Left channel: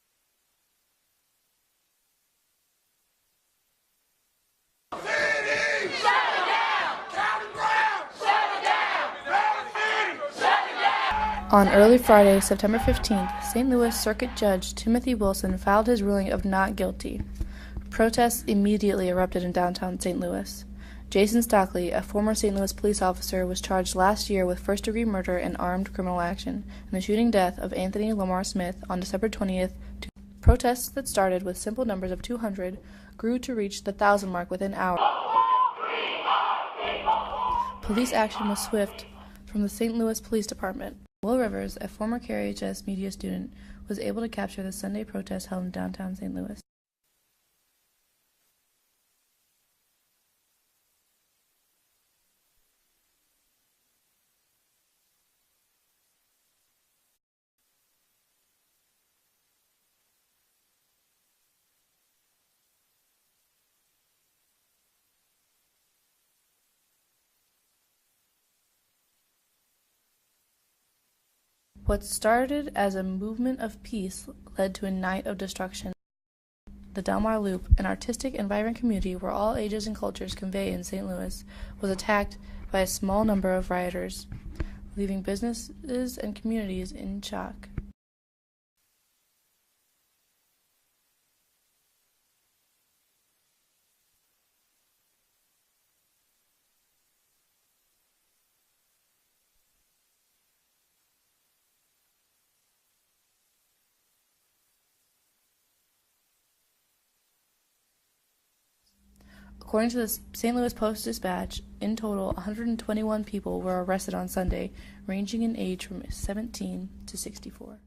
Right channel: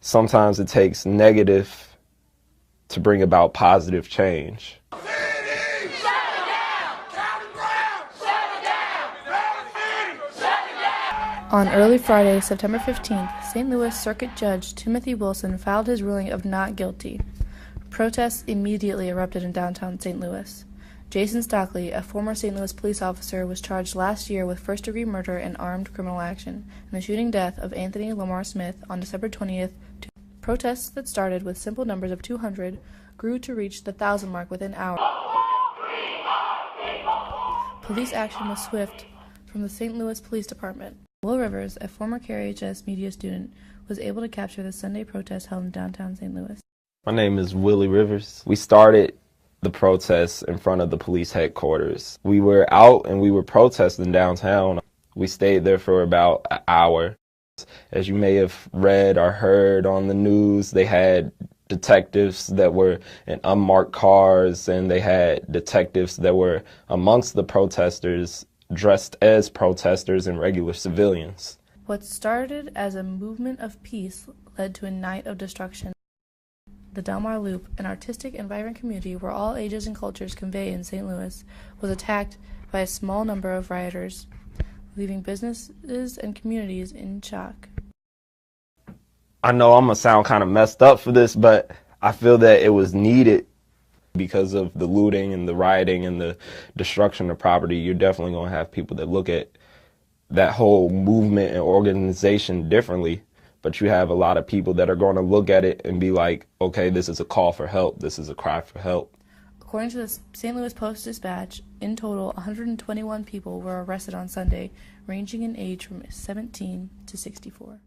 sometimes it takes negative to bring about positive change. On early Friday, September 15th, St. Louis Circuit Judge Timothy Wilson filed his ruling of not guilty. Protests immediately erupted in downtown St. Louis. Jason Stockley, a former St. Louis police officer, was charged last year with first-degree murder and armed criminal action in the shooting death of Anthony Lamar Smith on December 20th. Protests that started with simple numbers of 200 grew to reach the 1,000 mark within hours. Police action was swift from the St. Louis Police Department. Will Rivers, a former KRHS media student, was able to capture the Sunday protest held in downtown St. Louis. My name is Willie Rivers. We started the protests in front of the police headquarters. We were out and we were protesting downtown. We stayed there for about an hour. As you may have read or heard on the news, they had detectives that were in unmarked cars, and they had detectives that were amongst the protesters dressed as protesters and regular civilians. What started as a movement of peace led to a night of destruction. The Delmar Loop, an artistic and vibrant community where all ages and cultures convey in St. Louis, was attacked by a small number of rioters, leaving businesses and communities in shock. I know I'm going to sound kind of messed up for this, but I feel that it was needed because of the looting and the rioting and the destruction of property. You're definitely going to have people that look at that whole movement and organization differently, but you have a lot of people that are going to look at it and be like, okay, this is a call for help. This is a cry for help. According to the St. Louis Post-Dispatch, in total, 121 people were arrested on Sunday, ranging in age from 17 to 64.